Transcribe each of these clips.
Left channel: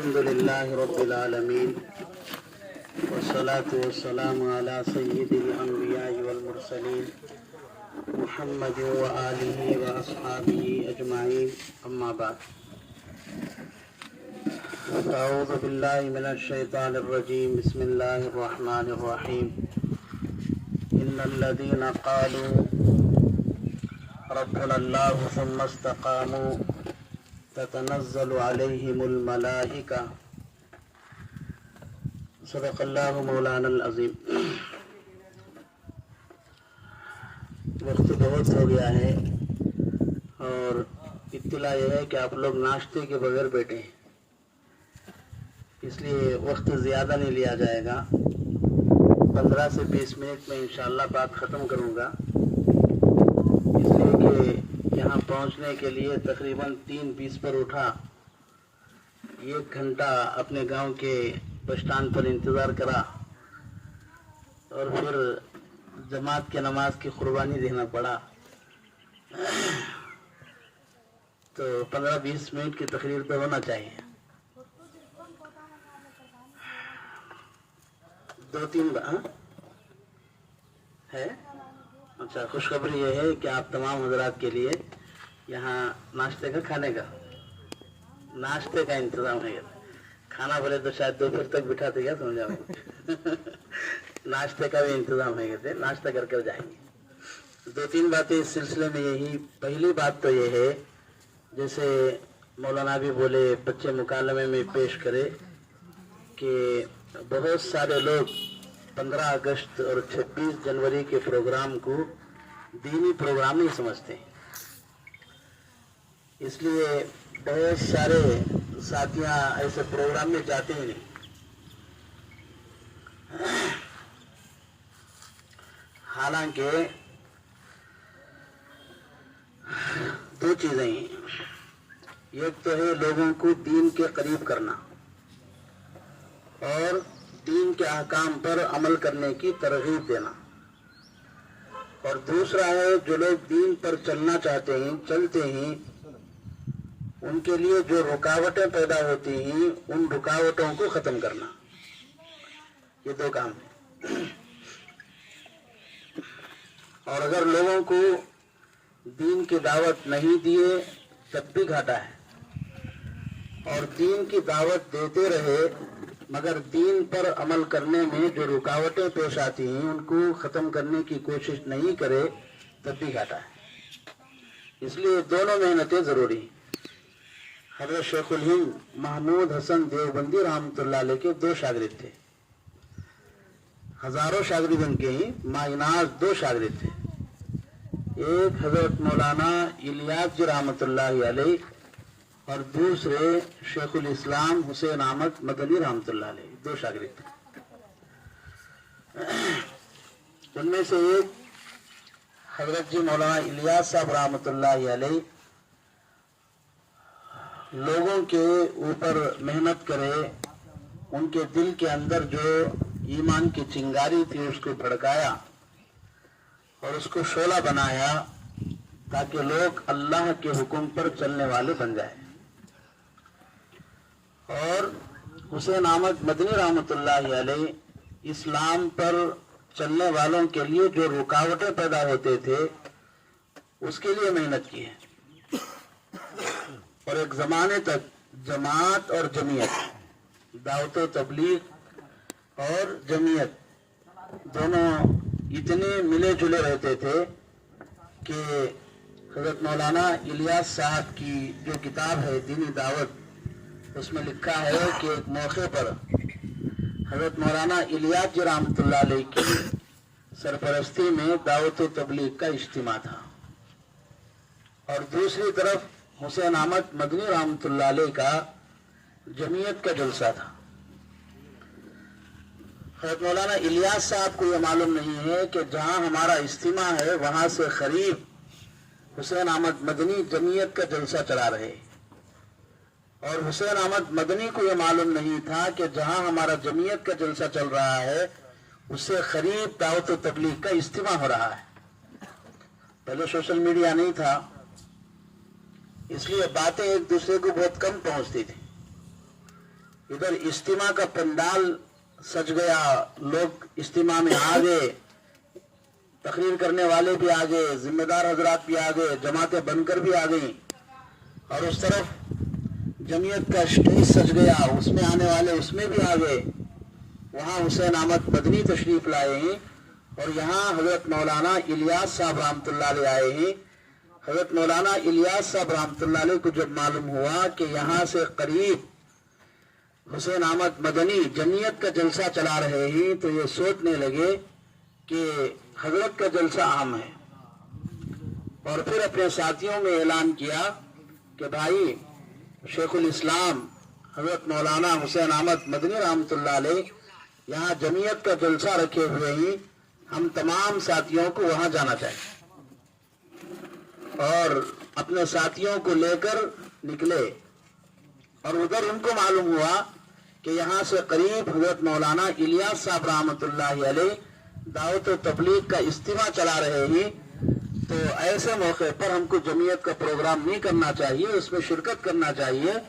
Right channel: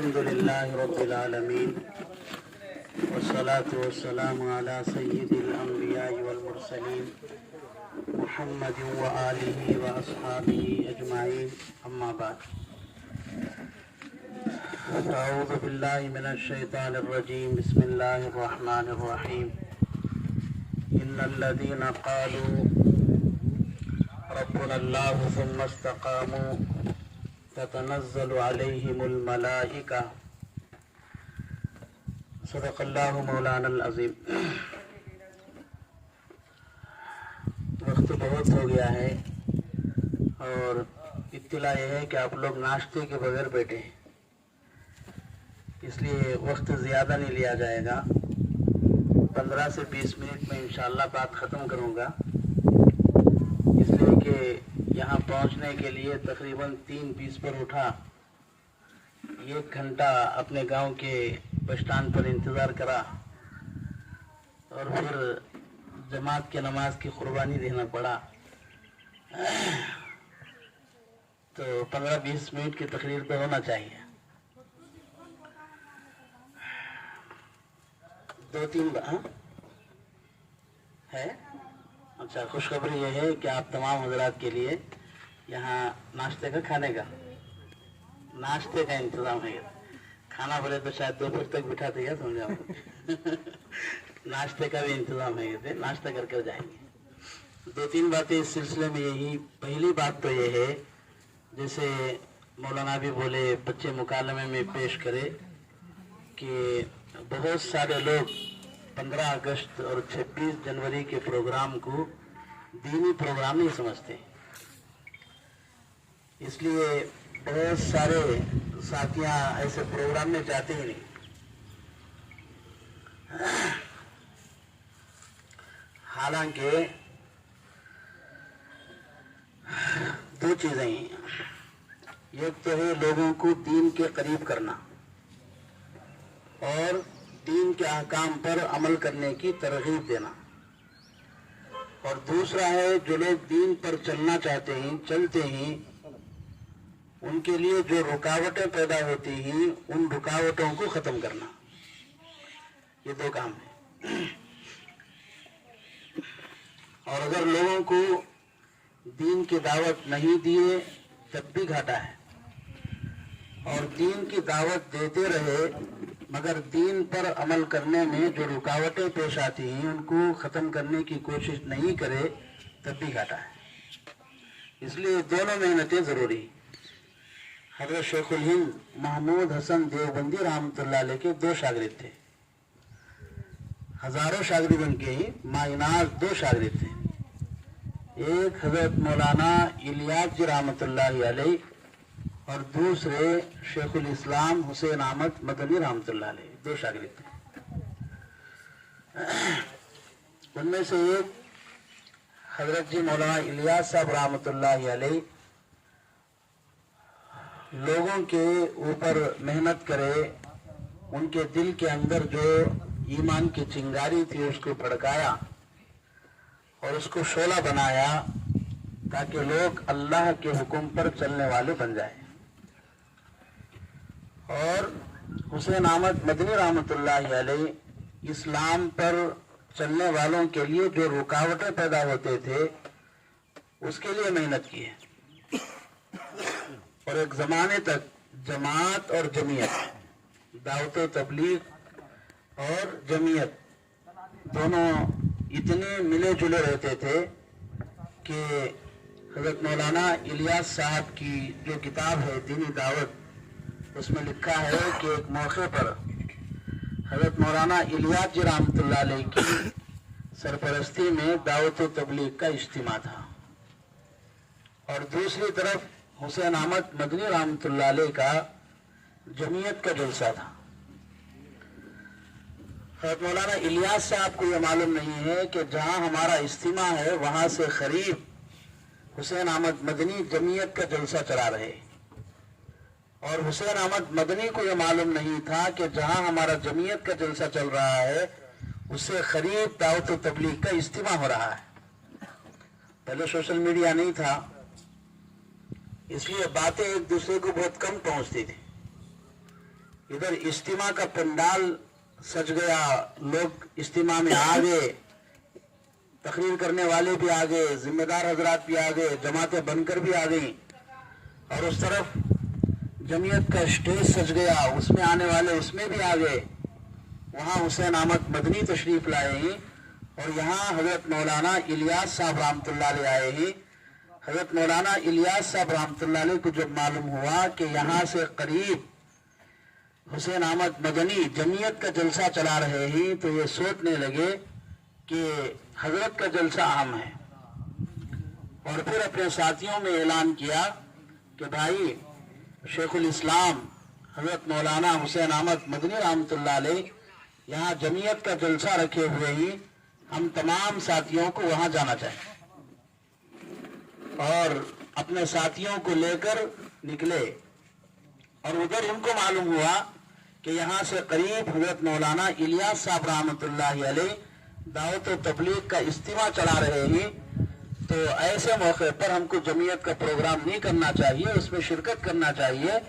الحمد لله رب العالمين والصلاة والسلام على سيد الأنبياء والمرسلين محمد وآله وأصحابه أجمعين أما بعد أعوذ بالله من الشيطان الرجيم بسم الله الرحمن الرحيم إن الذين قالوا ربنا الله ثم استقاموا تتنزل عليهم الملائكة صدق اللہ مولانا العظیم. وقت بہت ہو گیا ہے اور اطلاع یہ ہے کہ آپ لوگ ناشتے کے بغیر بیٹھے ہیں، اس لیے وقت زیادہ نہیں لیا جائے گا. 15 سے 20 منٹ میں انشاءاللہ بات ختم کروں گا، اس لیے کہ یہاں پہنچنے کے لیے تقریباً 3:20 پر اٹھا، 1 گھنٹہ اپنے گاؤں کے بس اسٹینڈ پر انتظار کرا اور پھر جماعت کے نماز کی قربانی دینا پڑا. تو 15-20 منٹ کی تقریر پہ ہونا چاہیے. 2-3 ہے. اچھا، خوشخبری یہ ہے کہ آپ تمام حضرات کے لیے یہاں ناشتے کا ناشتے کا انتظام ہے. کھانا بولے تو شاید دوپہر تک بٹھاتے گا، سمجھا. ناشتے کا بھی انتظام ہے، ناشتہ کر کے جائیں گے. 2-3 باتیں اس سلسلے میں یہی. پہلی بات تو یہ ہے، جیسے مولانا بھی بولے، بچے مکالمے میں پیش کرے کہ بہت سارے لوگ 15 اگست اور 26 جنوری کے پروگرام کو دینی پروگرام نہیں سمجھتے. اس لیے بہت سارے ساتھیاں ایسے پروگرام میں جاتے ہی نہیں. حالانکہ 2 چیزیں ہیں. ایک تو ہے لوگوں کو دین کے قریب کرنا اور دین کے احکام پر عمل کرنے کی ترغیب دینا، اور دوسرا ہے جو لوگ دین پر چلنا چاہتے ہیں، چلتے ہیں، ان کے لیے جو رکاوٹیں پیدا ہوتی ہیں ان رکاوٹوں کو ختم کرنا. یہ 2 کام ہیں. اور اگر لوگوں کو دین کی دعوت نہیں دیے تب بھی گھاٹا ہے، اور دین کی دعوت دیتے رہے مگر دین پر عمل کرنے میں جو رکاوٹیں پیش آتی ہیں ان کو ختم کرنے کی کوشش نہیں کرے تب بھی گھاٹا ہے. اس لیے دونوں محنتیں ضروری. حضرت شیخ الہند محمود حسن دیوبندی رحمۃ اللہ علیہ کے 2 شاگرد تھے. ہزاروں شاگرد ان کے ہی، مایناز 2 شاگرد تھے. ایک حضرت مولانا الیاس جی رحمۃ اللہ علیہ اور دوسرے شیخ الاسلام حسین احمد مدنی رحمۃ اللہ علیہ. 2 شاگرد تھے. ان میں سے ایک حضرت جی مولانا الیاس صاحب رحمۃ اللہ علیہ لوگوں کے اوپر محنت کرے، ان کے دل کے اندر جو ایمان کی چنگاری تھی اس کو بھڑکایا اور اس کو شعلہ بنایا تاکہ لوگ اللہ کے حکم پر چلنے والے بن جائیں. اور حسین احمد مدنی رحمۃ اللہ علیہ اسلام پر چلنے والوں کے لیے جو رکاوٹیں پیدا ہوتے تھے اس کے لیے محنت کی ہے. اور ایک زمانے تک جماعت اور جمعیت، دعوت و تبلیغ اور جمعیت دونوں اتنے ملے جلے رہتے تھے کہ حضرت مولانا الیاس صاحب کی جو کتاب ہے دینی دعوت، اس میں لکھا ہے کہ ایک موقع پر حضرت مولانا الیاس جی رحمۃ اللہ علیہ کی سرپرستی میں دعوت و تبلیغ کا اجتماع تھا، اور دوسری طرف حسین احمد مدنی رحمۃ اللہ علیہ کا جمعیت کا جلسہ تھا. حضرت مولانا الیاس صاحب کو یہ معلوم نہیں ہے کہ جہاں ہمارا اجتماع ہے وہاں سے قریب حسین احمد مدنی جمعیت کا جلسہ چلا رہے، اور حسین احمد مدنی کو یہ معلوم نہیں تھا کہ جہاں ہمارا جمعیت کا جلسہ چل رہا ہے اس سے قریب دعوت و تبلیغ کا اجتماع ہو رہا ہے. پہلے سوشل میڈیا نہیں تھا، اس لیے باتیں ایک دوسرے کو بہت کم پہنچتی تھی. इधर इज्तिमा का पंडाल सज गया, लोग इज्तिमा में आ गए, तकरीर करने वाले भी आ गए, जिम्मेदार हजरात भी आ गए, जमातें बनकर भी आ गई, और उस तरफ जमीयत का स्टेज सज गया, उसमें आने वाले उसमें भी आ गए। वहाँ हुसैन अहमद मदनी तशरीफ लाए हैं और यहाँ हजरत मौलाना इलियास साहब रहमतुल्लाह अलैह आए हैं। हजरत मौलाना इलियास साहब रहमतुल्लाह अलैह को जब मालूम हुआ कि यहाँ से करीब हुसैन अहमद मदनी जमीयत का जलसा चला रहे हैं, तो ये सोचने लगे कि हजरत का जलसा अहम है, और फिर अपने साथियों में ऐलान किया कि भाई शेखुल इस्लाम हजरत मौलाना हुसैन अहमद मदनी रहमतुल्लाह अलैह यहाँ जमीयत का जलसा रखे हुए हैं, हम तमाम साथियों को वहां जाना चाहिए। और अपने साथियों को लेकर निकले, और उधर उनको मालूम हुआ कि यहाँ से करीब हजरत मौलाना इलियास साहब रहमतुल्लाह अलैह दावत व तबलीग का इज्तिमा चला रहे हैं। तो ऐसे मौके पर हमको जमीयत का प्रोग्राम नहीं करना चाहिए, उसमें शिरकत करना चाहिए।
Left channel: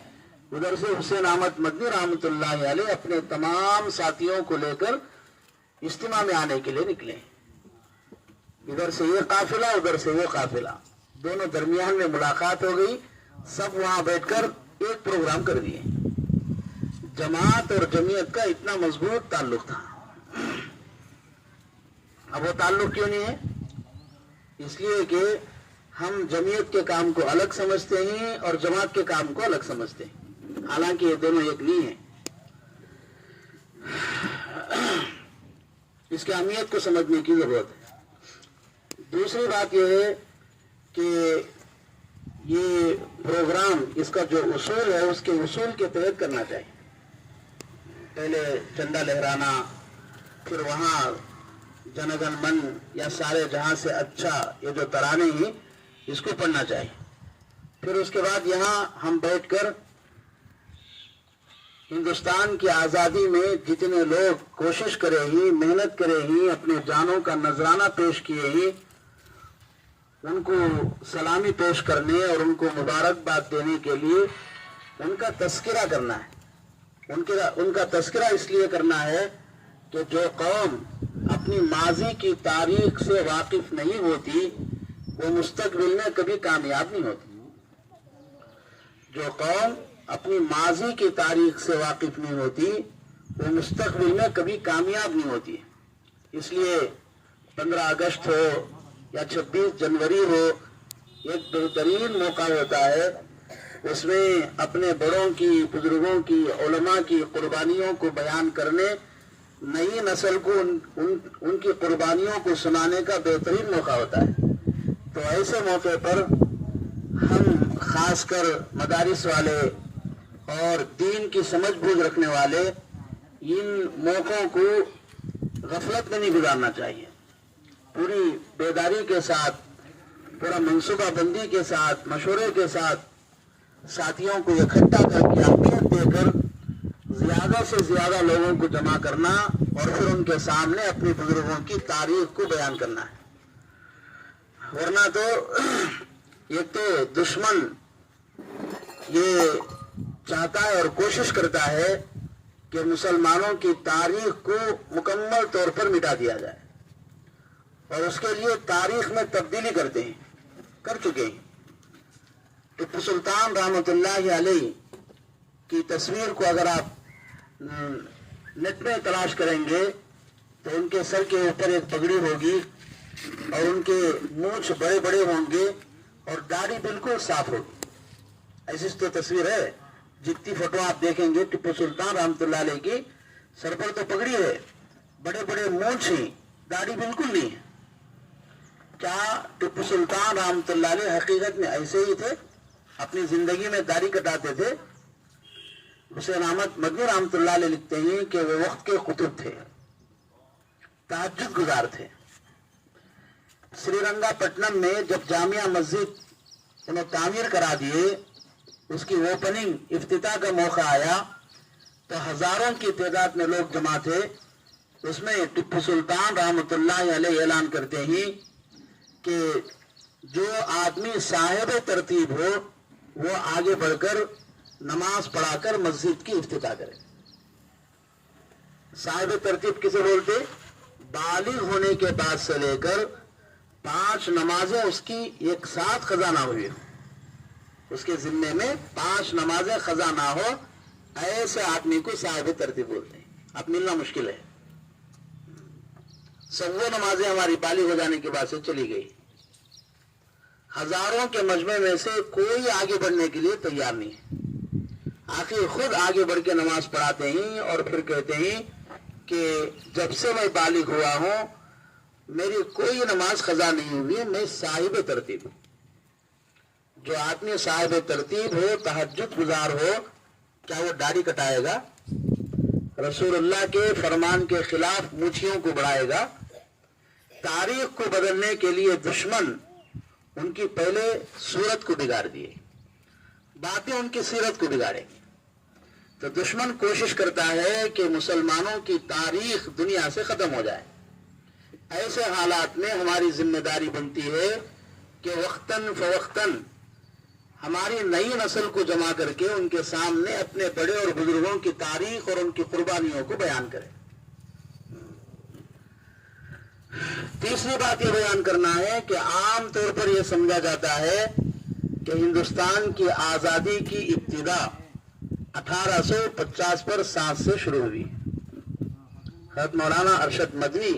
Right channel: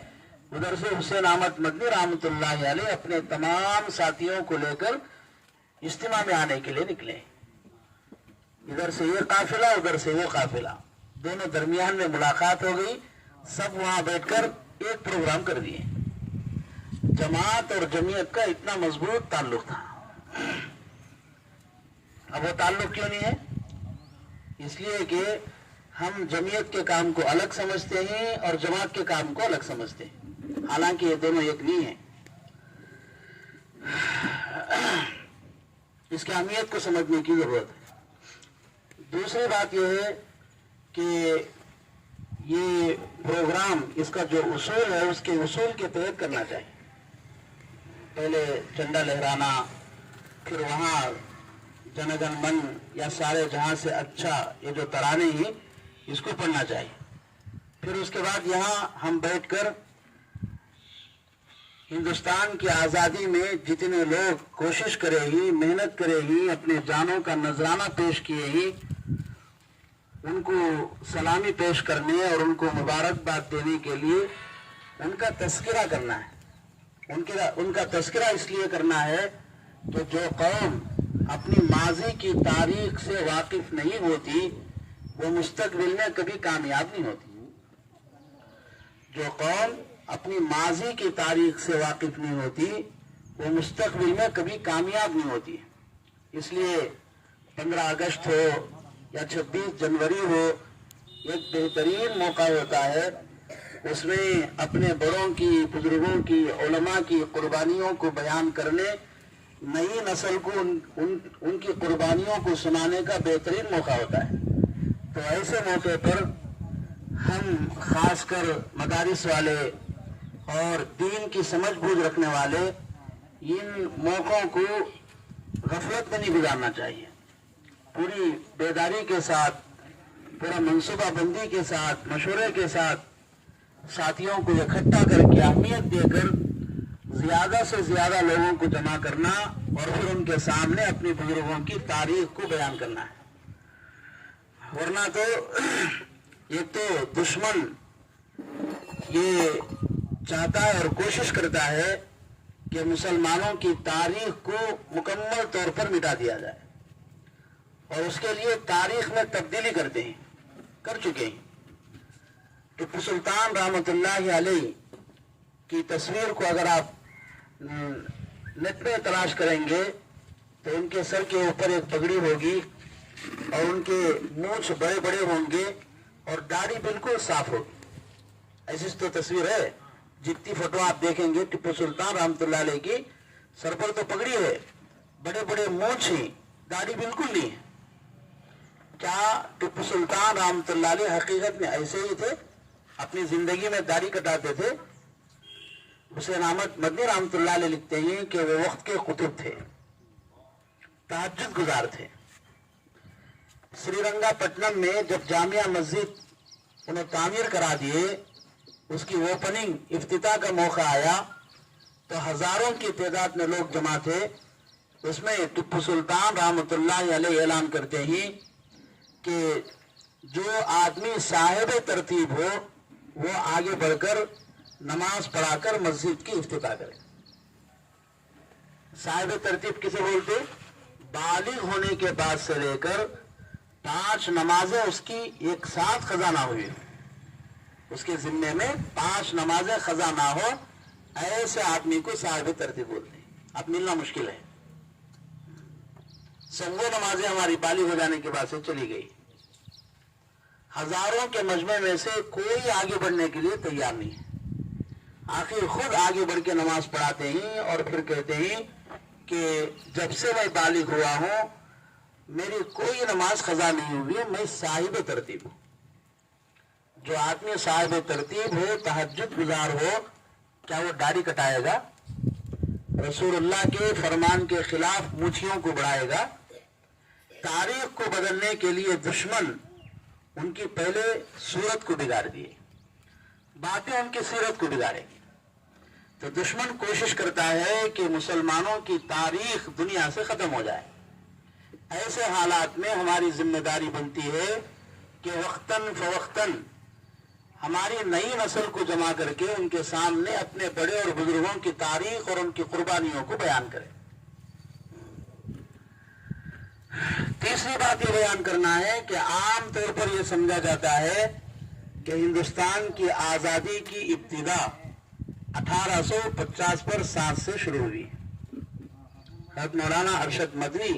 उधर से हुसैन अहमद मदनी रहमतुल्लाह अलैह अपने तमाम साथियों को लेकर इज्तिमा में आने के लिए निकले। इधर से ये काफिला, उधर से वो काफिला, दोनों दरमियान में मुलाकात हो गई। सब वहां बैठकर एक प्रोग्राम कर दिए। जमात और जमीयत का इतना मजबूत ताल्लुक था। अब वो ताल्लुक क्यों नहीं है? इसलिए कि हम जमीयत के काम को अलग समझते हैं और जमात के काम को अलग समझते हैं, हालांकि ये दोनों एक नहीं है। इसकी अहमियत को समझने की जरूरत है। दूसरी बात यह है कि ये प्रोग्राम, इसका जो उसूल है उसके उसूल के तहत करना चाहिए। पहले झंडा लहराना, फिर वहां जनगण मन या सारे जहां से अच्छा ये जो तराने हैं इसको पढ़ना चाहिए। फिर उसके बाद यहाँ हम बैठकर हिंदुस्तान की आज़ादी में जितने लोग कोशिश करे ही, मेहनत करे ही, अपने जानों का नजराना पेश किए ही, उनको सलामी पेश करने और उनको मुबारकबाद देने के लिए उनका तस्करा करना है। उनका तस्करा इसलिए करना है कि जो कौम अपनी माजी की तारीख से वाकिफ नहीं होती वो मुस्तकबिल में कभी कामयाब नहीं होती। जो कौम अपनी माजी की तारीख से वाकिफ नहीं होती वो मुस्तकबिल में कभी कामयाब नहीं होती। इसलिए 15 अगस्त हो या 26 जनवरी हो, एक बेहतरीन मौका होता है। उसमें अपने बड़ों की, बुजुर्गों की, उलमा की कुर्बानियों को बयान करने, नई नस्ल को उनकी कुर्बानियों को सुनाने का बेहतरीन मौका होता है। तो ऐसे मौके पर हम खासकर मदारिस वाले और दीन की समझ बूझ रखने वाले इन मौकों को गफलत में नहीं गुजारना चाहिए। पूरी बेदारी के साथ, पूरा मनसूबाबंदी के साथ, मशवरे के साथ साथियों को इकट्ठा करके अहमियत देकर ज्यादा से ज्यादा लोगों को जमा करना और फिर उनके सामने अपने बुजुर्गों की तारीख को बयान करना है। वरना तो एक तो दुश्मन ये चाहता है और कोशिश करता है कि मुसलमानों की तारीख को मुकम्मल तौर पर मिटा दिया जाए, और उसके लिए तारीख में तब्दीली करते हैं, कर चुके हैं। टिप्पू सुल्तान रहमतुल्लाह अलैह की तस्वीर को अगर आप नेट में तलाश करेंगे तो उनके सर के ऊपर एक पगड़ी होगी और उनके मूंछ बड़े बड़े होंगे और दाढ़ी बिल्कुल साफ होगी। ऐसी तो तस्वीर है। जितनी फोटो आप देखेंगे टिप्पू सुल्तान रहमतुल्लाह अलैह की, सर पर तो पगड़ी है, बड़े बड़े मूंछ हैं, दाढ़ी बिल्कुल नहीं है। क्या टिप्पू सुल्तान रहमतुल्लाह अलैह हकीकत में ऐसे ही थे? अपनी जिंदगी में दाढ़ी कटाते थे? हुसैन अहमद मदनी रहमतुल्लाह अलैह लिखते हैं कि वो वक्त के कुतुब थे, तहज्जुद गुजार थे। श्रीरंगापट्टनम में जब जामिया मस्जिद उन्हें तामीर करा दिए, उसकी ओपनिंग इफ्तिताह का मौका आया तो हजारों की तादाद में लोग जमा थे। उसमें टिप्पू सुल्तान रहमतुल्लाह अलैह ऐलान करते हैं कि जो आदमी साहिब तरतीब हो वो आगे बढ़कर नमाज पढ़ाकर मस्जिद की इफ्तिताह करे। صاحب ترتیب کسے بولتے؟ بالغ ہونے کے بعد سے لے کر 5 نمازیں اس کی ایک ساتھ قضا نہ ہوئی، اس کے ذمے میں 5 نمازیں قضا نہ ہو، ایسے آدمی کو صاحب ترتیب بولتے ہیں. اب ملنا مشکل ہے. سب وہ نمازیں ہماری بالغ ہو جانے کے بعد سے چلی گئی. ہزاروں کے مجمع میں سے کوئی آگے بڑھنے کے لیے تیار نہیں ہے. آخر خود آگے بڑھ کے نماز پڑھاتے ہیں اور پھر کہتے ہیں کہ جب سے میں بالغ ہوا ہوں میری کوئی نماز قضا نہیں ہوئی، میں صاحب ترتیب ہوں. جو آدمی صاحب ترتیب ہو، تہجد گزار ہو، کیا وہ داڑھی کٹائے گا؟ رسول اللہ کے فرمان کے خلاف مونچھیوں کو بڑھائے گا؟ تاریخ کو بدلنے کے لیے دشمن ان کی پہلے صورت کو بگاڑ دیے، باتیں ان کی سیرت کو بگاڑیں گے. تو دشمن کوشش کرتا ہے کہ مسلمانوں کی تاریخ دنیا سے ختم ہو جائے. ایسے حالات میں ہماری ذمہ داری بنتی ہے کہ وقتاً فوقتاً ہماری نئی نسل کو جمع کر کے ان کے سامنے اپنے بڑے اور بزرگوں کی تاریخ اور ان کی قربانیوں کو بیان کریں. تیسری بات یہ بیان کرنا ہے کہ عام طور پر یہ سمجھا جاتا ہے کہ ہندوستان کی آزادی کی ابتدا 1850 پر 7 سے شروع ہوئی. حضرت مولانا ارشد مدنی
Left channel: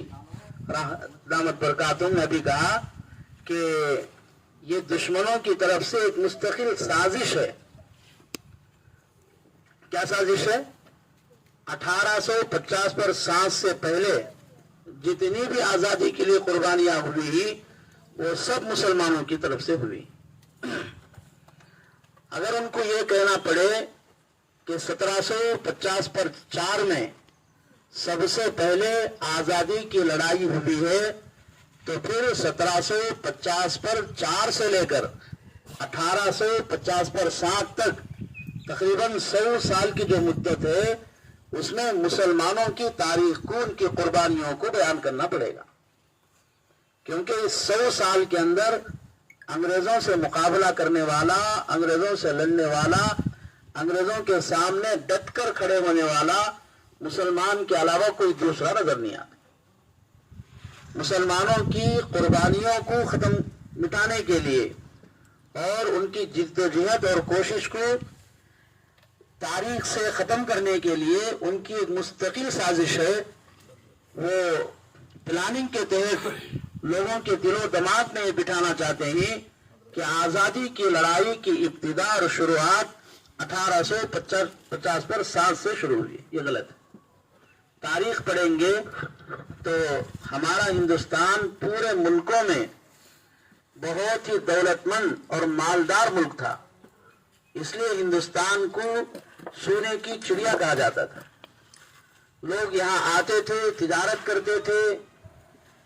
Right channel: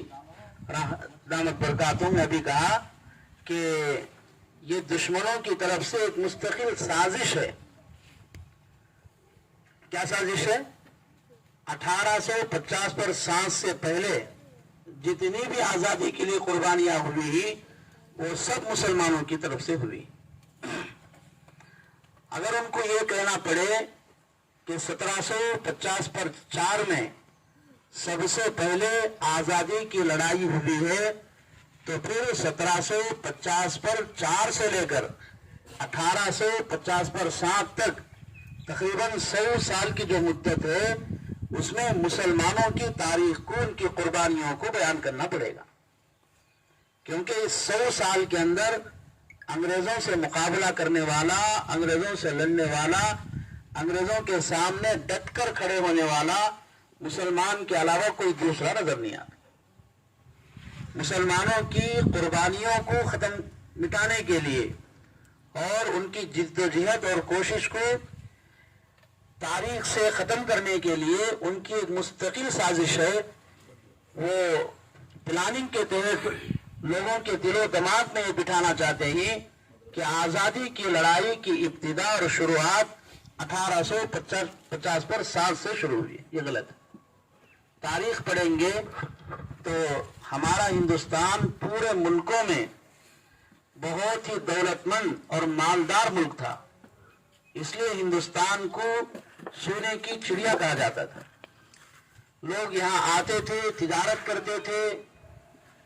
دامت برکاتہم نے بھی کہا کہ یہ دشمنوں کی طرف سے ایک مستقل سازش ہے. کیا سازش ہے؟ 1850 پر 7 سے پہلے جتنی بھی آزادی کے لیے قربانیاں ہوئی وہ سب مسلمانوں کی طرف سے ہوئی. اگر ان کو یہ کہنا پڑے کہ 1750 پر 4 میں سب سے پہلے آزادی کی لڑائی ہوئی ہے تو پھر 1750 پر 4 سے لے کر 1850 پر 7 تک تقریباً 100 سال کی جو مدت ہے اس میں مسلمانوں کی تاریخ کو، ان کی قربانیوں کو بیان کرنا پڑے گا. کیونکہ اس 100 سال کے اندر انگریزوں سے مقابلہ کرنے والا، انگریزوں سے لڑنے والا، انگریزوں کے سامنے ڈٹ کر کھڑے ہونے والا مسلمان کے علاوہ کوئی دوسرا نظر نہیں آتا. مسلمانوں کی قربانیوں کو مٹانے کے لیے اور ان کی جدوجہد اور کوشش کو تاریخ سے ختم کرنے کے لیے ان کی ایک مستقل سازش ہے. وہ پلاننگ کے تحت لوگوں کے دل و دماغ میں یہ بٹھانا چاہتے ہیں کہ آزادی کی لڑائی کی ابتدا اور شروعات 1850 پر 7 سے شروع ہوئی. یہ غلط ہے. تاریخ پڑھیں گے تو ہمارا ہندوستان پورے ملکوں میں بہت ہی دولت مند اور مالدار ملک تھا. اس لیے ہندوستان کو سونے کی چڑیا کہا جاتا تھا. لوگ یہاں آتے تھے، تجارت کرتے تھے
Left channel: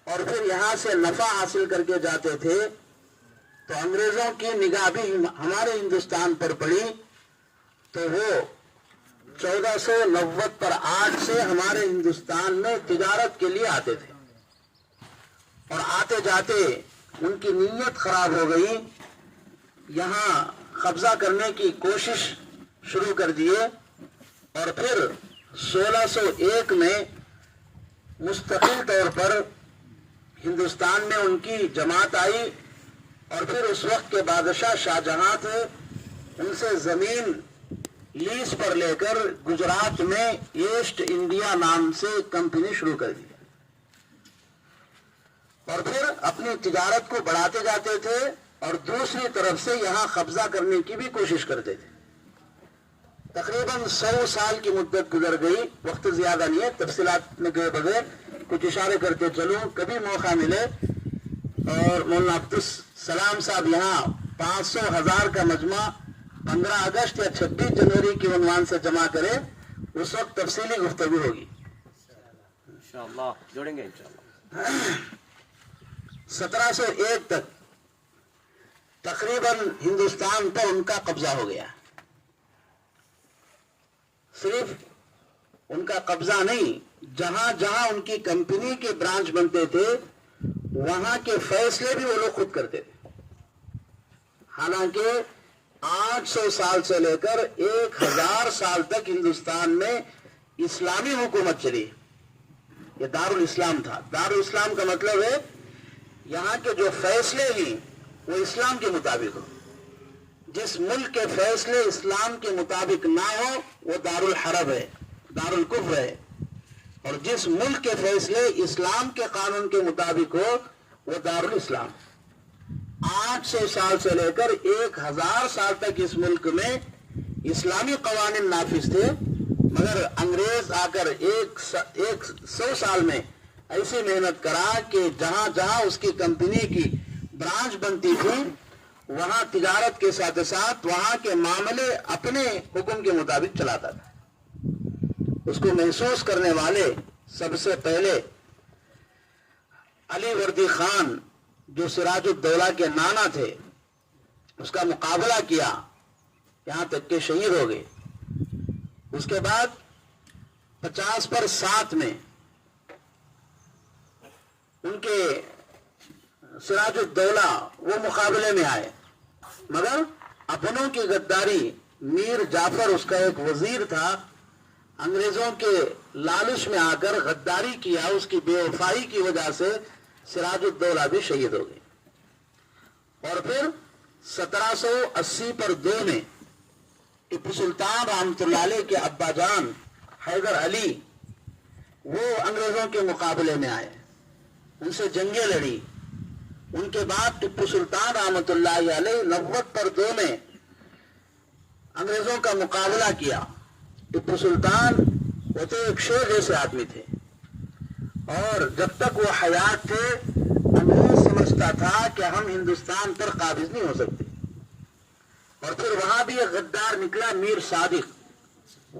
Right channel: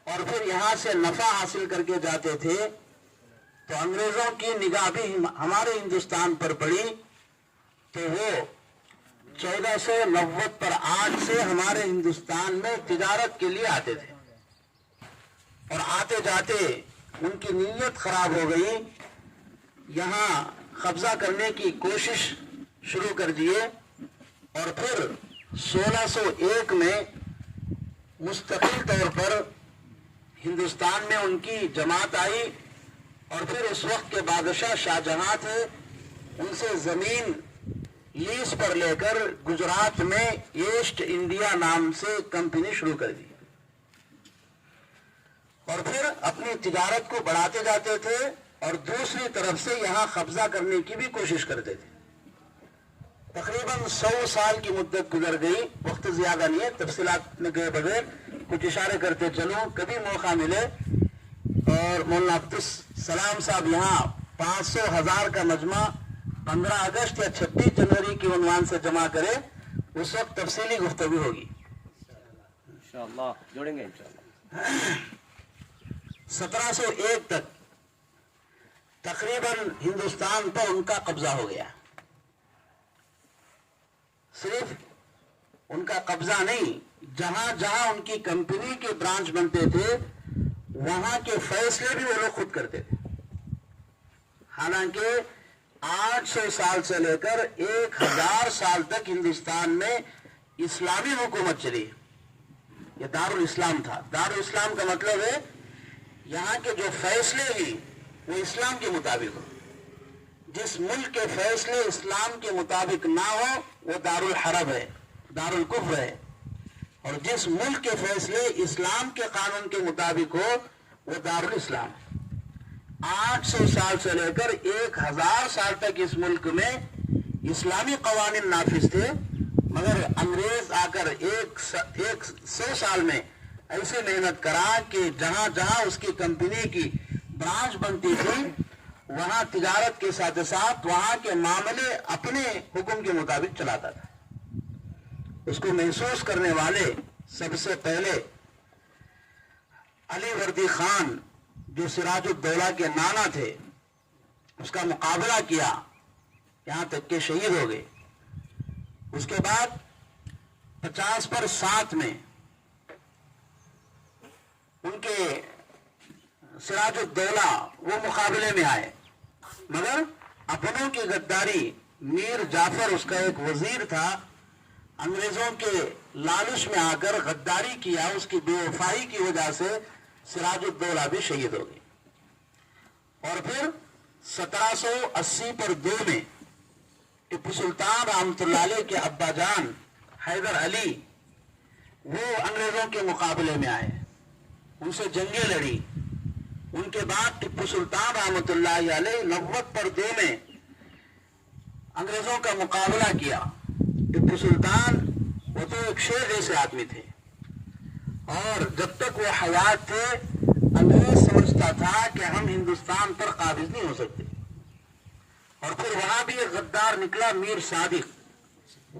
اور پھر یہاں سے نفع حاصل کر کے جاتے تھے. تو انگریزوں کی نگاہ بھی ہمارے ہندوستان پر پڑی تو وہ 1490 پر 8 سے ہمارے ہندوستان میں تجارت کے لیے آتے تھے اور آتے جاتے ان کی نیت خراب ہو گئی. یہاں قبضہ کرنے کی کوشش شروع کر دیے اور پھر 1601 میں مستقل طور پر ہندوستان میں ان کی جماعت آئی اور پھر اس وقت کے بادشاہ شاہ جہاں تھے، ان سے زمین لیز پر لے کر گجرات میں ایسٹ انڈیا نام سے کمپنی شروع کر دی اور پھر اپنی تجارت کو بڑھاتے جاتے تھے اور دوسری طرف سے یہاں قبضہ کرنے کی بھی کوشش کرتے تھے. تقریباً 100 سال کی مدت گزر گئی. وقت زیادہ نہیں ہے، تفصیلات میں گئے بغیر کچھ اشارے کرتے چلوں. کبھی موقع ملے اور مولانا عبدالسلام صاحب یہاں 500,000 کا مجمع 15 اگست یا 26 جنوری کے عنوان سے جمع کرے، اس وقت تفصیلی گفتگو ہوگی انشاءاللہ. جوڑیں گے انشاءاللہ. 1701 تک تقریباً ہندوستان پر ان کا قبضہ ہو گیا. صرف ان کا قبضہ نہیں، جہاں جہاں ان کی کمپنی کے برانچ بنتے تھے وہاں کے فیصلے بھی وہ لوگ خود کرتے تھے. حالانکہ 800 سال سے لے کر 1000 سال تک ہندوستان میں اسلامی حکومت چلی. یہ دارال اسلام تھا. دارال اسلام کا مطلب ہے یہاں کے جو فیصلے ہیں وہ اسلام کے مطابق ہو. جس ملک کے فیصلے اسلام کے مطابق نہ ہو وہ دارالحرب ہے, دارالکفر ہے. اور جس ملک کے فیصلے اسلام کے قانون کے مطابق ہو وہ دارالاسلام. 800 سال سے لے کر 1000 سال تک اس ملک میں اسلامی قوانین نافذ تھے, مگر انگریز آ کر 100 سال میں ایسی محنت کرا کہ جہاں جہاں اس کی کمپنی کی برانچ بنتی تھی وہاں تجارت کے ساتھ ساتھ وہاں کے معاملے اپنے حکم کے مطابق چلاتا تھا. اس کو محسوس کرنے والے سب سے پہلے علی وردی خان جو سراج الدولہ کے نانا تھے, اس کا مقابلہ کیا یہاں تک کہ شہید ہو گئے. اس کے بعد 50 پر 7 میں ان کے سراج الدولہ وہ مقابلے میں آئے, مگر اپنوں کی غداری. میر جعفر اس کا ایک وزیر تھا, انگریزوں کے لالچ میں آ کر غداری کیا, اس کی بے وفائی کی وجہ سے سراج الدولہ بھی شہید ہو گئے. اور پھر 1780 پر 2 میں ٹیپو سلطان رحمۃ اللہ علیہ کے ابا جان حیدر علی وہ انگریزوں کے مقابلے میں آئے, ان سے جنگیں لڑی. ان کے بعد ٹیپو سلطان رحمۃ اللہ علیہ 90 پر 2 میں انگریزوں کا مقابلہ کیا. ٹیپو سلطان وہ تو ایک شیر جیسے آدمی تھے, اور جب تک وہ حیات تھے انگریز سمجھتا تھا کہ ہم ہندوستان پر قابض نہیں ہو سکتے. اور پھر وہاں بھی ایک غدار نکلا میر صادق,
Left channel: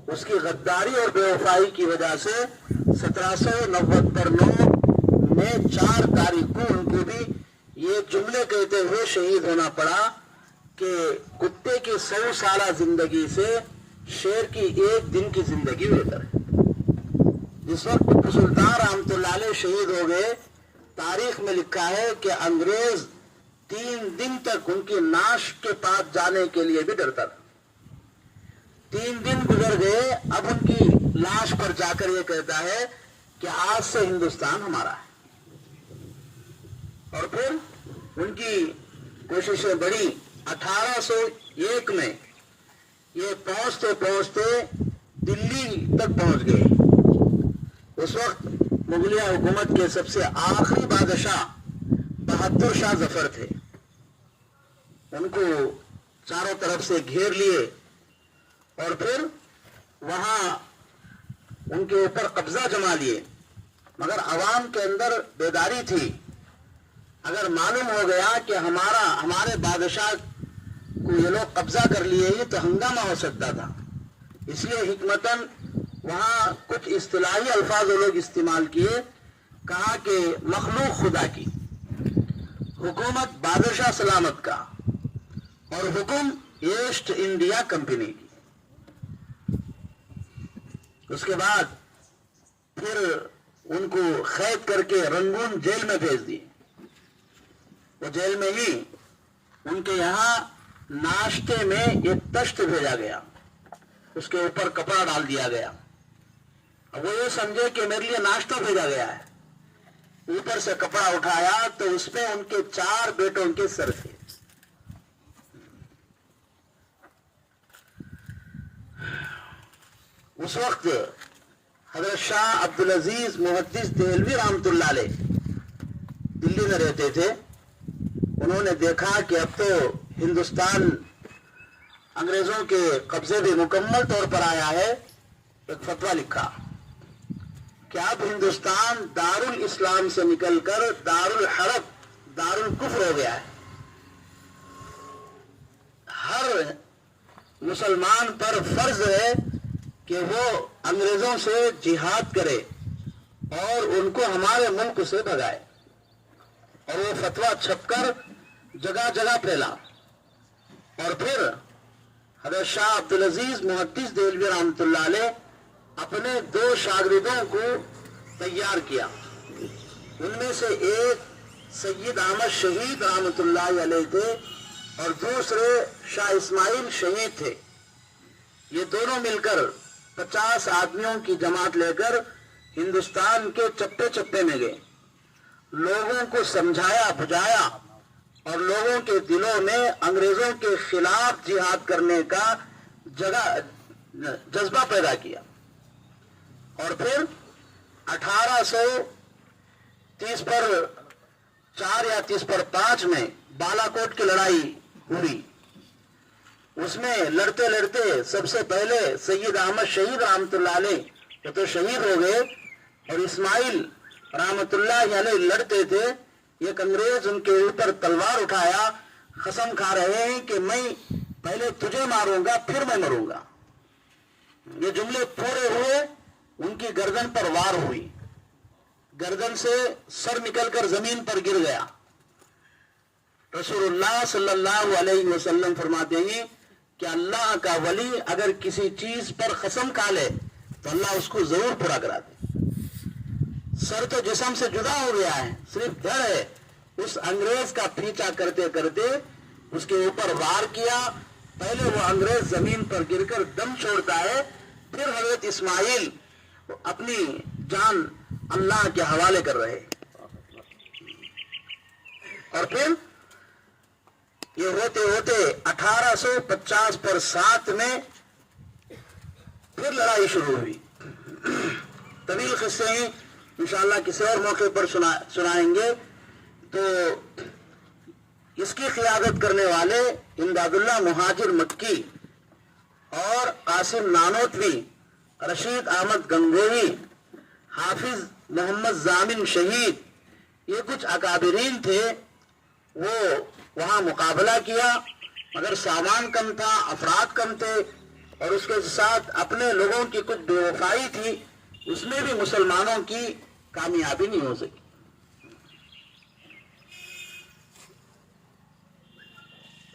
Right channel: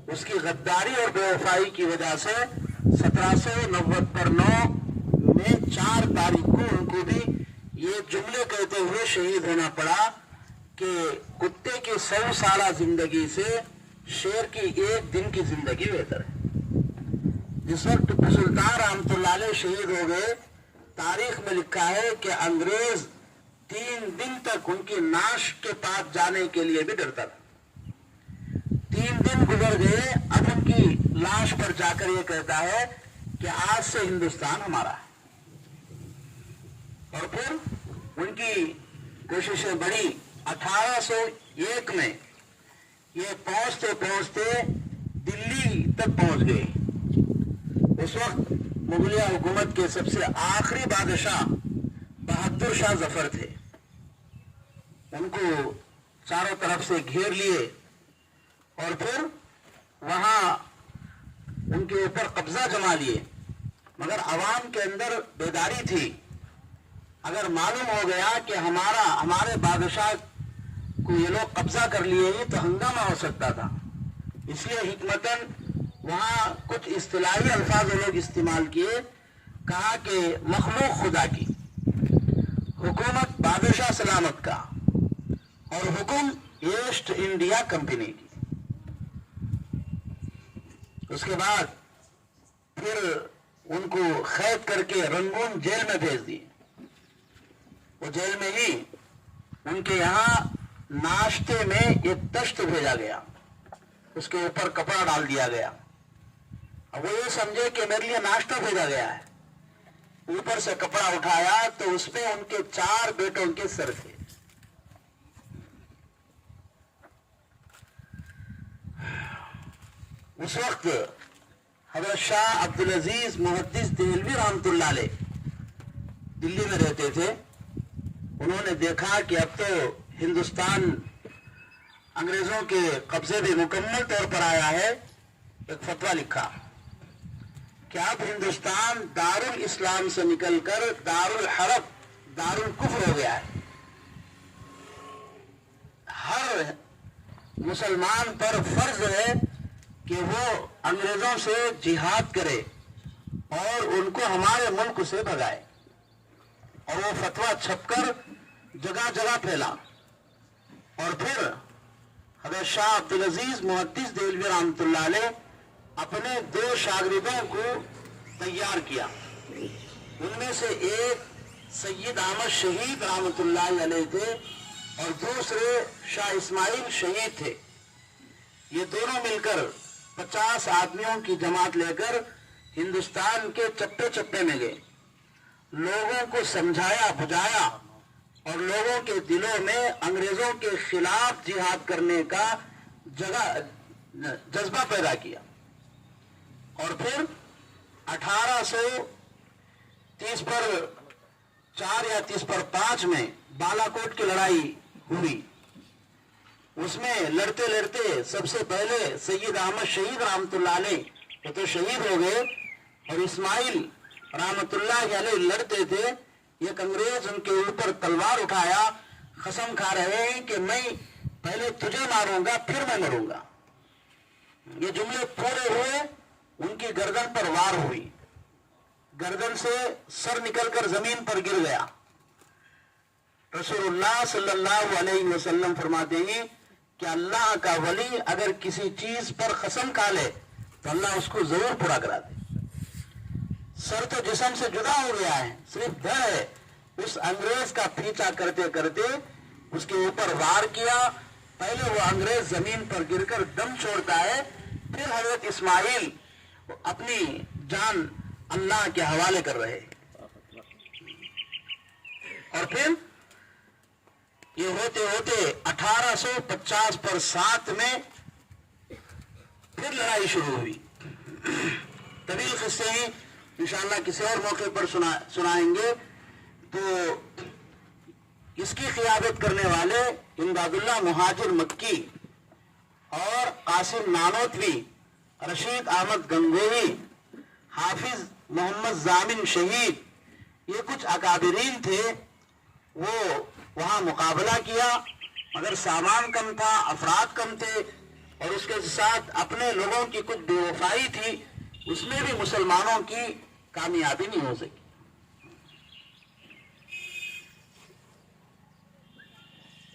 اس کی غداری اور بے وفائی کی وجہ سے 1790 پر 9 میں 4 تاریخ کو ان کو بھی یہ جملے کہتے ہوئے شہید ہونا پڑا کہ کتے کی 100 سالہ زندگی سے شیر کی 1 دن کی زندگی بہتر ہے. جس وقت ٹیپو سلطان رحمۃ اللہ علیہ شہید ہو گئے, تاریخ میں لکھا ہے کہ انگریز 3 دن تک ان کی نعش کے پاس جانے کے لیے بھی ڈرتا تھا. 3 دن گزر گئے, اب ان کی لاش پر جا کر یہ کہتا ہے کہ آج سے ہندوستان ہمارا ہے. اور پھر ان کی کوششیں بڑی. 1801 میں یہ پہنچتے پہنچتے دلی تک پہنچ گئے. اس وقت مغلیہ حکومت کے سب سے آخری بادشاہ بہادر شاہ ظفر تھے. ان کو چاروں طرف سے گھیر لیے اور پھر وہاں ان کے اوپر قبضہ جما لیے. مگر عوام کے اندر بیداری تھی. اگر معلوم ہو گیا کہ ہمارے بادشاہ کو یہ لوگ قبضہ کر لیے ہیں تو ہنگامہ ہو سکتا تھا. اس لیے حکمتاً وہاں کچھ اصطلاحی الفاظ لوگ استعمال کیے. کہا کہ مخلوق خدا کی, حکومت بادشاہ سلامت کا, اور حکم ایسٹ انڈیا کمپنی کی. اس کے بعد پھر ان کو قید کر کے رنگون جیل میں بھیج دیے. وہ جیل میں ہی ان کے یہاں ناشتے میں ایک تشت بھیجا گیا, اس کے اوپر کپڑا ڈال دیا گیا. اب وہ یہ سمجھے کہ میرے لیے ناشتہ بھیجا گیا ہے. اوپر سے کپڑا اٹھایا تو اس پہ ان کے 4 بیٹوں کے سر تھے. اس وقت حضرت شاہ عبدالعزیز محدث دہلوی رحمۃ اللہ علیہ دلی میں رہتے تھے. انہوں نے دیکھا کہ اب تو ہندوستان انگریزوں کے قبضے میں مکمل طور پر آیا ہے. ایک فتویٰ لکھا کہ اب ہندوستان دارالاسلام سے نکل کر دارالحرب, دارالکفر ہو گیا ہے. ہر مسلمان پر فرض ہے کہ وہ انگریزوں سے جہاد کرے اور ان کو ہمارے ملک سے بھگائے. اور وہ فتویٰ چھپ کر جگہ جگہ پھیلا. اور پھر حضرت شاہ عبدالعزیز محدث دہلوی رحمۃ اللہ علیہ اپنے 2 شاگردوں کو تیار کیا. ان میں سے ایک سید احمد شہید رحمۃ اللہ علیہ تھے اور دوسرے شاہ اسماعیل شہید تھے. یہ دونوں مل کر 50 आदमियों की जमात लेकर हिंदुस्तान के चप्पे चप्पे में गए, लोगों को समझाया बुझाया और लोगों के दिलों में अंग्रेजों के खिलाफ जिहाद करने का जज्बा पैदा किया। और फिर 1830 पर 4 या 30 पर 5 में बालाकोट की लड़ाई हुई। उसमें लड़ते लड़ते सबसे पहले सैयद अहमद शहीद रहमतुल्लाह अलैह तो शहीद हो गए, और इस्माइल रहमतुल्लाह अलैह लड़ते थे। एक अंग्रेज उनके ऊपर तलवार उठाया, कसम खा रहे हैं कि मैं पहले तुझे मारूंगा फिर मैं मरूंगा। ये जुमले पूरे हुए, उनकी गर्दन पर वार हुई, गर्दन से सर निकलकर जमीन पर गिर गया। रसूलुल्लाह सल्लल्लाहु अलैहि वसल्लम फरमाते हैं कि अल्लाह का वली अगर किसी चीज पर कसम खा ले तो अल्लाह उसको जरूर पूरा करा दे। सर तो जिस्म से जुदा हो गया है, सिर्फ धड़ है। उस अंग्रेज का पीछा करते करते उसके ऊपर वार किया। पहले वो अंग्रेज जमीन पर गिरकर दम छोड़ता है, फिर हजरत इस्माइल अपनी जान अल्लाह के हवाले कर रहे। और फिर ये होते होते 1850 पर 7 में फिर लड़ाई शुरू हुई। तवील किस्से हैं, इंशाअल्लाह किसी और मौके पर सुनाएंगे। तो इसकी क़ियादत करने वाले इमदादुल्लाह मुहाजिर मक्की और कासिम नानोतवी, रशीद अहमद गंगोही, हाफिज मोहम्मद जामिन शहीद, ये कुछ अकाबिरीन थे। वो वहां मुकाबला किया, मगर सामान कम था, अफराद कम थे, और उसके साथ अपने लोगों की कुछ बेवफाई थी। उसमें भी मुसलमानों की कामयाबी नहीं हो सकी।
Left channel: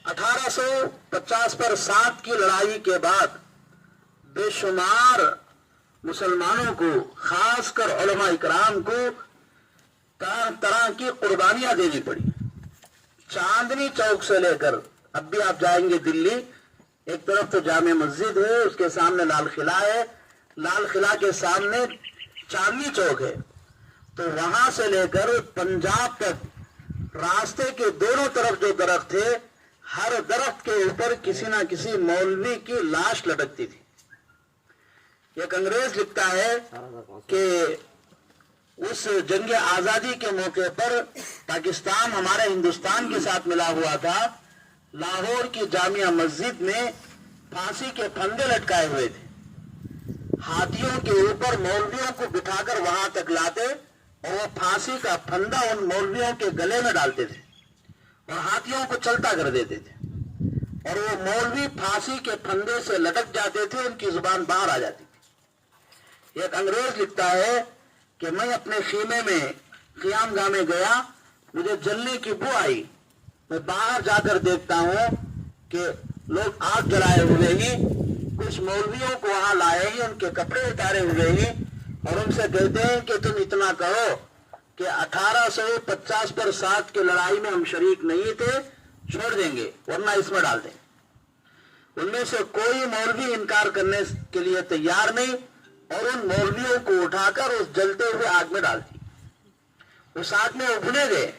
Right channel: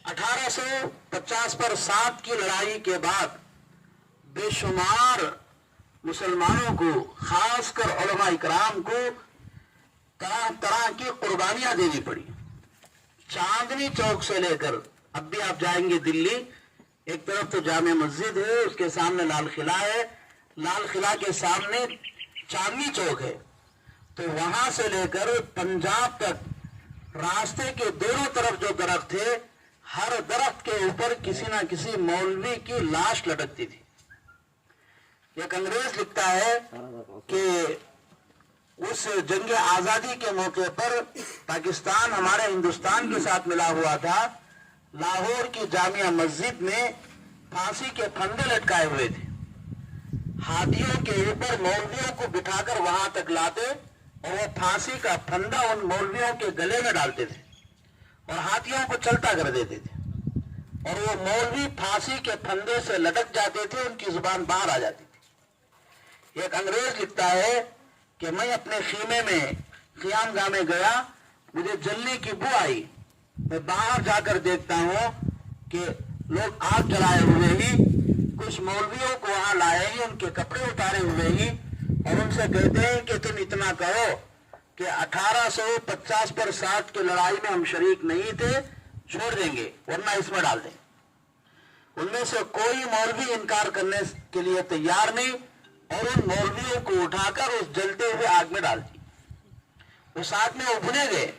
1850 पर 7 की लड़ाई के बाद बेशुमार मुसलमानों को, खासकर उलमा इकराम को तरह तरह की कुर्बानियां देनी पड़ी। चांदनी चौक से लेकर, अब भी आप जाएंगे दिल्ली, एक तरफ तो जामे मस्जिद है, उसके सामने लाल किला है, लाल किला के सामने चांदनी चौक है, तो वहां से लेकर पंजाब तक रास्ते के दोनों तरफ जो दरख्त थे, हर दरख्त के ऊपर किसी ना किसी मौलवी की लाश लटकती थी। एक अंग्रेज लिखता है कि उस जंग आजादी के मौके पर पाकिस्तान हमारे हिंदुस्तान के साथ मिला हुआ था। लाहौर की जामिया मस्जिद में फांसी के फंदे लटकाए हुए थे। हाथियों के ऊपर मौलवियों को बिठाकर वहां तक लाते और वो फांसी का फंदा उन मौलवियों के गले में डालते थे और हाथियों को चलता कर देते थे, और वो मौलवी फांसी के फंदे से लटक जाते थे, उनकी जुबान बाहर आ जाती थी। एक अंग्रेज लिखता है कि मैं अपने खीमे में क़ियामगाह में गया, मुझे जलने की बू आई। मैं बाहर जाकर देखता हूं कि लोग आग जलाए हुए ही, कुछ मौलवियों को वहां लाए ही, उनके कपड़े उतारे हुए ही, और उनसे कहते हैं कि तुम इतना कहो कि 1850 पर 7 की लड़ाई में हम शरीक नहीं थे, छोड़ देंगे वरना इसमें डाल दें। उनमें से कोई मौलवी इनकार करने के लिए तैयार नहीं, और उन मौलवियों को उठाकर उस जलते हुए आग में डाल दी। उस आग में उभने गए।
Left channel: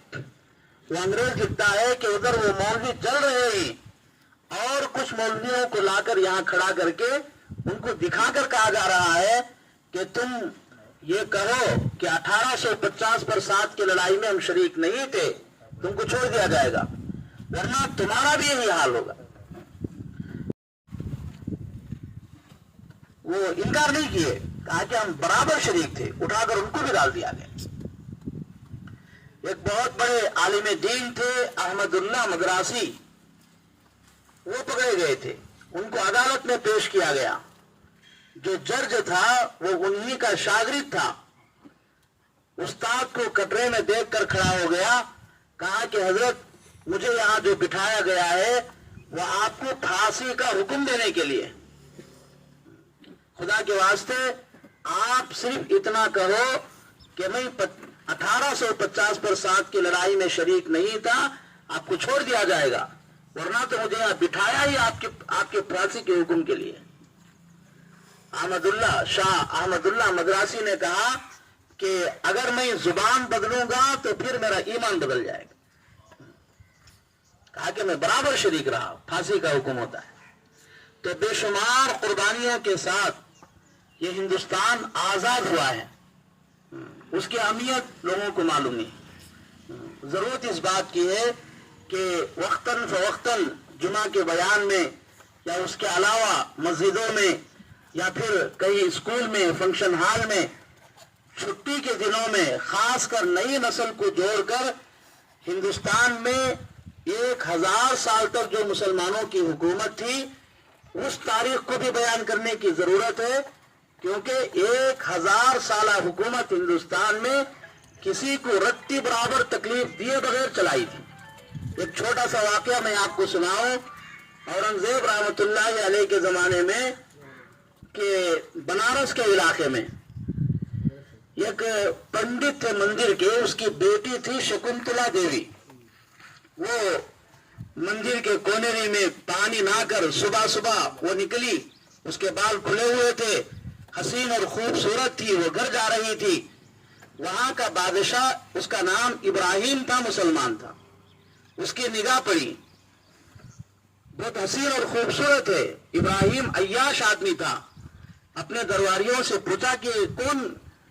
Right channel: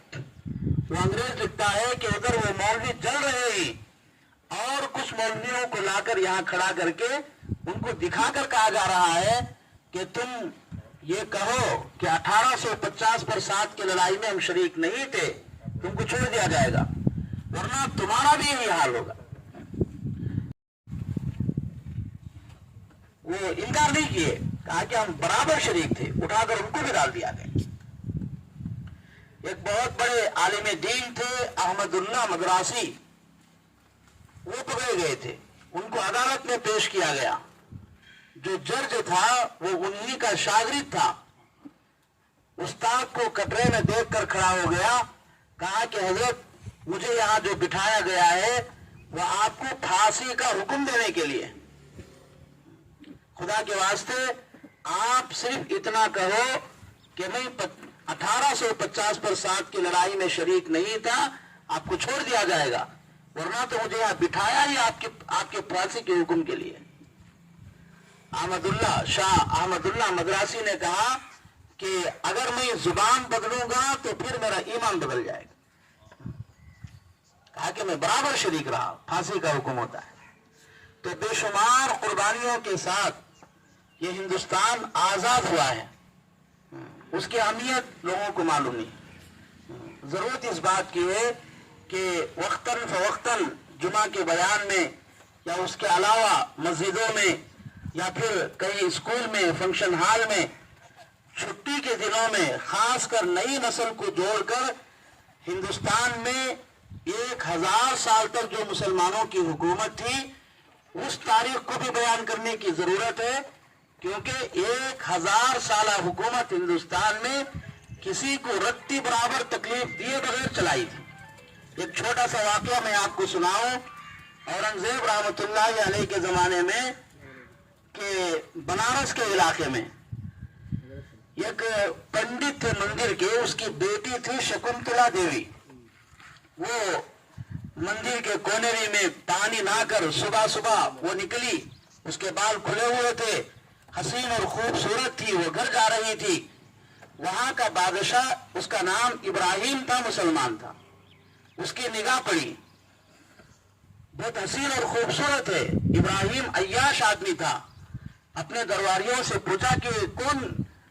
वो अंग्रेज लिखता है कि उधर वो मौलवी जल रहे हैं और कुछ मौलवियों को लाकर यहां खड़ा करके उनको दिखाकर कहा जा रहा है कि तुम ये कहो कि 1850 पर 7 की लड़ाई में हम शरीक नहीं थे, तुमको छोड़ दिया जाएगा, वरना तुम्हारा भी यही हाल होगा। वो इनकार नहीं किए, कहा कि हम बराबर शरीक थे, उठाकर उनको भी डाल दिया गया। एक बहुत बड़े आलिम दीन थे अहमदुल्लाह मदरासी, वो पकड़े गए थे, उनको अदालत में पेश किया गया। जो जज था वो उन्हीं का शागिर्द था। उस्ताद को कटरे में देखकर खड़ा हो गया, कहा कि हजरत मुझे यहां जो बिठाया गया है वह आपको फांसी का हुक्म देने के लिए, खुदा के वास्ते आप सिर्फ इतना कहो कि मैं 1850 पर 7 की लड़ाई में शरीक नहीं था, आपको छोड़ दिया जाएगा, वरना तो मुझे यहां बिठाया ही आपके फांसी के हुक्म के लिए। शाह अहमदुल्लाह मद्रासी ने कहा कि अगर मैं जुबान बदलूंगा तो फिर मेरा ईमान बदल जाएगा। कहा कि मैं बराबर शरीक रहा, फांसी का हुक्म होता है। तो बेशुमार कुर्बानियों के साथ ये हिंदुस्तान आजाद हुआ है, उसकी अहमियत लोगों को मालूम नहीं। जरूरत इस बात की है कि वक्तन फवक्तन जुमा के बयान में या उसके अलावा मस्जिदों में या फिर कई स्कूल में, फंक्शन हॉल में, छुट्टी के दिनों में खासकर नई नस्ल को जोड़कर हिंदुस्तान में 1000 साल तक जो मुसलमानों की हुकूमत थी उस तारीख को भी बयान करने की जरूरत है, क्योंकि 1000 साल हुकूमत हिंदुस्तान में किसी को रत्ती बराबर तकलीफ दिए बगैर चलाई थी। एक छोटा सा वाकया मैं आपको सुनाऊं। औरंगजेब रहमतुल्लाह अलैह के जमाने में कि बनारस के इलाके में एक पंडित थे मंदिर के, उसकी बेटी थी शकुंतला देवी। वो मंदिर के कोनेरी में पानी नहाकर सुबह सुबह वो निकली, उसके बाल खुले हुए थे, हसीन और खूबसूरत थी, वो घर जा रही थी। वहां का बादशाह, उसका नाम इब्राहिम था, मुसलमान था, उसकी निगाह पड़ी, बहुत हसीन और खूबसूरत है। इब्राहिम अय्याश आदमी था। अपने दरबारियों से पूछा कि कौन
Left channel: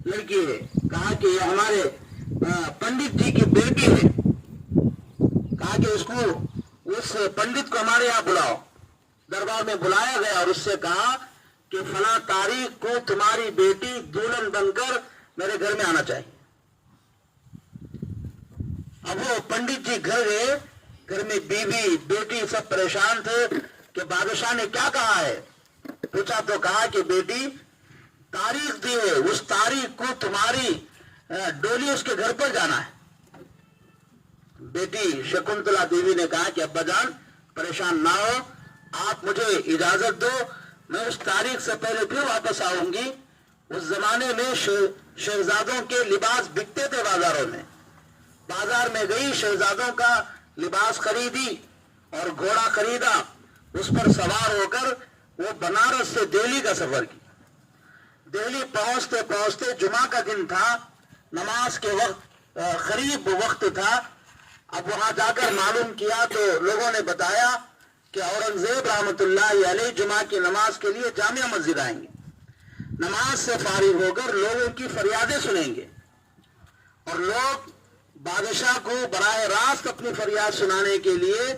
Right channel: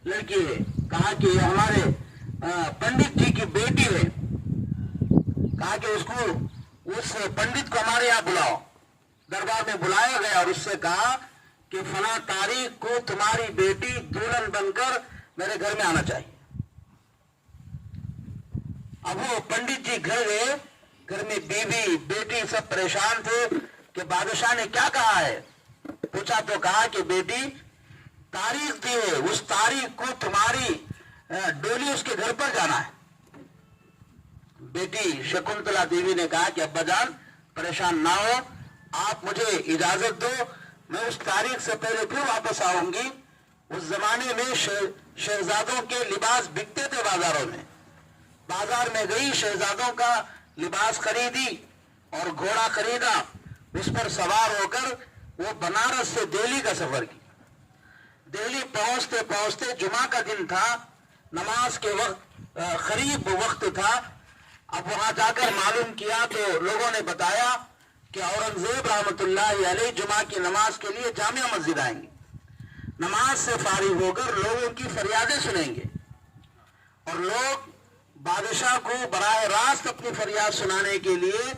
लड़की है? कहा कि हमारे पंडित जी की बेटी है। कहा कि उस पंडित को हमारे यहाँ बुलाओ। दरबार में बुलाया गया और उससे कहा कि फला तारीख को तुम्हारी बेटी दुल्हन बनकर मेरे घर में आना चाहिए। अब वो पंडित जी घर गए, घर में बीवी बेटी सब परेशान थे कि बादशाह ने क्या कहा है। पूछा तो कहा कि बेटी तारीख दी है, उस तारीख को तुम्हारी डोली उसके घर पर जाना है। बेटी शकुंतला देवी ने कहा कि अब्बा जान परेशान ना हो, आप मुझे इजाजत दो, मैं उस तारीख से पहले फिर वापस आऊंगी। उस जमाने में शहजादों के लिबास बिकते थे बाजारों में। बाजार में गई, शहजादों का लिबास खरीदी और घोड़ा खरीदा, उस पर सवार होकर वो बनारस से दिल्ली का सफर किया। दिल्ली पहुंचते पहुंचते जुमा का दिन था, नमाज के वक्त करीब वक्त था। अब वहां जाकर मालूम किया तो लोगों ने बताया कि औरंगजेब रहमतुल्लाह अलैह जुमा की नमाज के लिए जामिया मस्जिद आएंगे। नमाज से फारिग होकर लोगों की फरियादें सुनेंगे और लोग बादशाह को बराह रास्त अपनी फरियाद सुनाने के लिए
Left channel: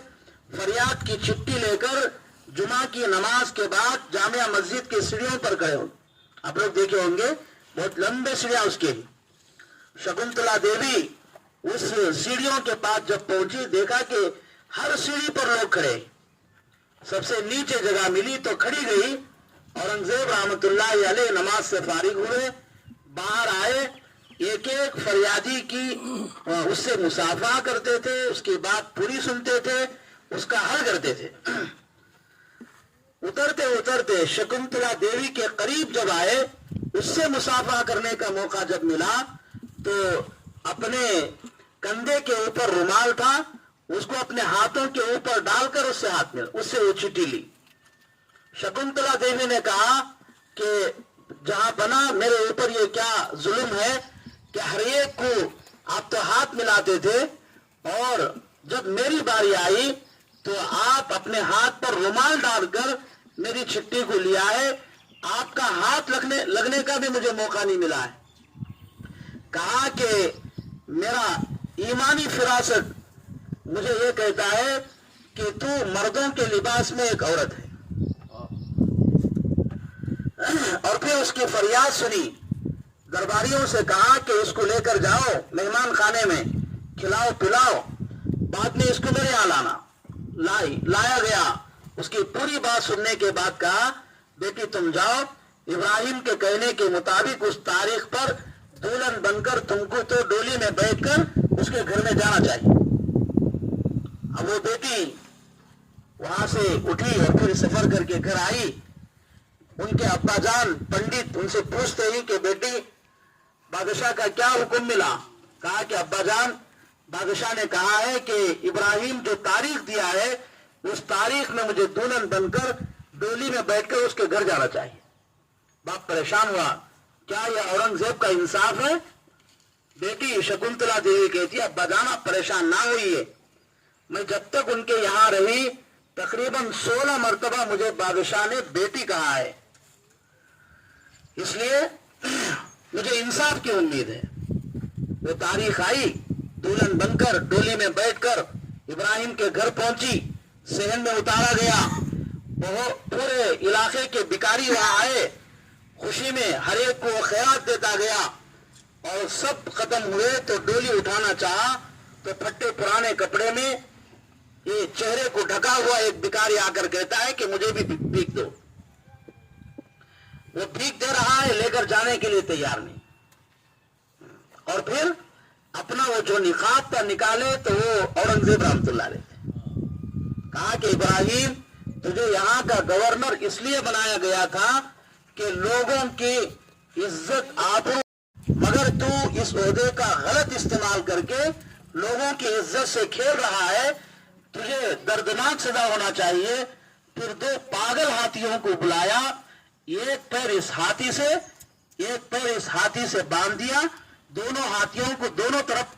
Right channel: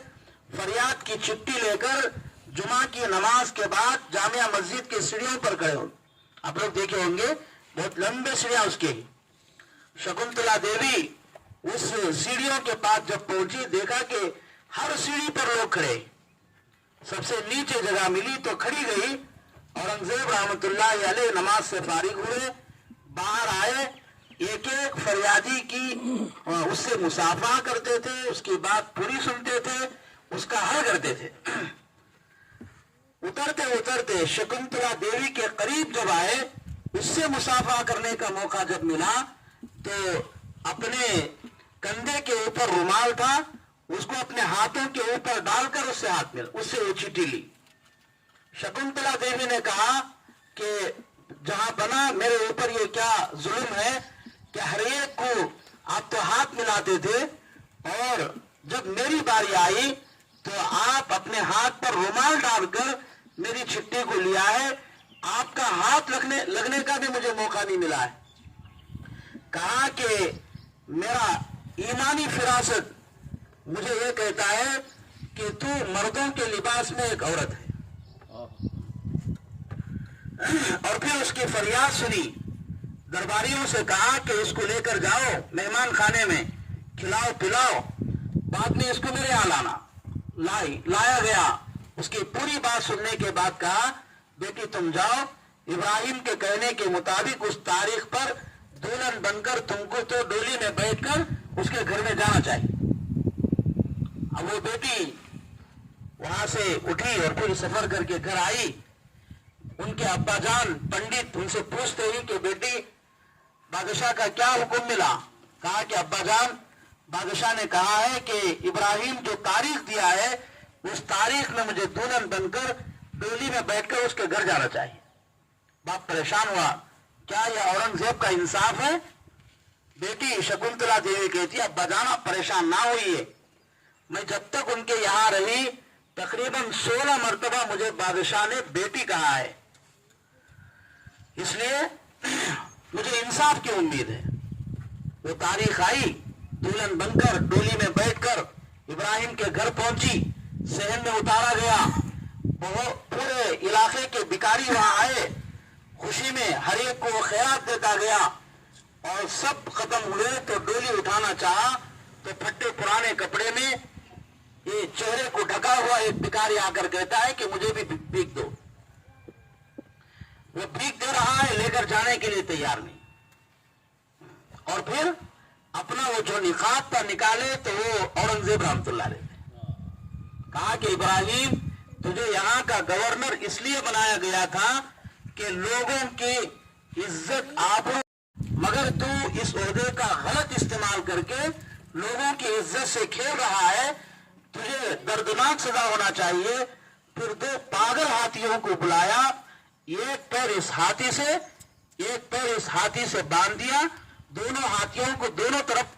फरियाद की चिट्ठी लेकर जुमा की नमाज के बाद जामिया मस्जिद की सीढ़ियों पर खड़े होंगे। आप लोग देखे होंगे, बहुत लंबे सीढ़ियां उसके ही। शकुंतला देवी उस सीढ़ियों के पास जब पहुंची, देखा कि हर सीढ़ी पर लोग खड़े। सबसे नीचे जगह मिली तो खड़ी गई। औरंगजेब रहमतुल्लाह अलैह नमाज से फारिग हुए, बाहर आए, एक एक फरियादी की उससे मुसाफा करते थे, उसकी बात पूरी सुनते थे, उसका हल करते थे। उतरते उतरते शकुंतला देवी के करीब जब आए, उससे मुसाफा करने का मौका जब मिला तो अपने कंधे के ऊपर रुमाल था, उसको अपने हाथों के ऊपर डालकर उससे हाथ मिला, उससे वो चिट्ठी ली। शकुंतला देवी ने कहा कि जहां बना मेरे ऊपर ये क्या जुल्म है कि हर एक को आप तो हाथ मिलाते थे और जब मेरी बारी आई तो आप अपने हाथ पर रुमाल डालकर मेरी चिट्ठी को लिया है, आपका हाथ लगने का भी मुझे मौका नहीं मिला है। कहा कि मेरा ईमानी फिरासत मुझे ये कहता है कि तू मर्दों के लिबास में एक औरत है। और फिर उसकी फरियाद सुनी, दरबारियों से कहा कि इसको लेकर जाओ मेहमान खाने में, खिलाओ पिलाओ, बाद में इसको मेरे यहाँ लाना। लाया गया। उसकी पूरी बात सुनने के बाद कहा, बेटी तुम जाओ, इब्राहिम के कहने के मुताबिक उस तारीख पर दुल्हन बनकर तुमको तो डोली में बैठकर उसके घर में जाना चाहिए। अब वो बेटी वहां से उठी और फिर सफर करके घर आई। उनके अब्बा जान पंडित उनसे पूछते ही कि बेटी बादशाह का क्या हुक्म मिला। कहा कि अब्बा जान बादशाह ने कहा है कि इब्राहिम जो तारीख दिया है उस तारीख में मुझे दुल्हन बनकर डोली में बैठकर उसके घर जाना चाहिए। बाप परेशान हुआ, क्या यह औरंगजेब का इंसाफ है? बेटी शकुंतला देवी कहती है, अब्बा जान आप परेशान ना होइए, मैं जब तक उनके यहाँ रही तकरीबन 16 मरतबा मुझे बादशाह ने बेटी कहा है, इसलिए मुझे इंसाफ की उम्मीद है। वो तारीख आई, दुल्हन बनकर डोली में बैठकर इब्राहिम के घर पहुंची, सहन में उतारा गया, बहुत पूरे इलाके के भिखारी वहां आए, खुशी में हर एक को खैरात देता गया और सब खत्म हुए तो डोली उठाना चाहा तो फटे पुराने कपड़े में ये चेहरे को ढका हुआ एक भिखारी आकर कहता है कि मुझे भी भीख दो। वो भीख दे रहा है, लेकर जाने के लिए तैयार नहीं, और फिर अपना वो जो निकाब था निकाले तो वो औरंगजेब रहमतुल्लाह अलैह कहा कि इब्राहिम तुझे यहाँ का गवर्नर इसलिए बनाया गया था कि लोगों की इज्जत आबरू, मगर तू इस ओहदे का गलत इस्तेमाल करके लोगों की इज्जत से खेल रहा है, तुझे दर्दनाक सजा होना चाहिए। फिर 2 पागल हाथियों को बुलाया, एक पैर इस हाथी से एक पैर इस हाथी से बांध दिया, दोनों हाथियों को दोनों तरफ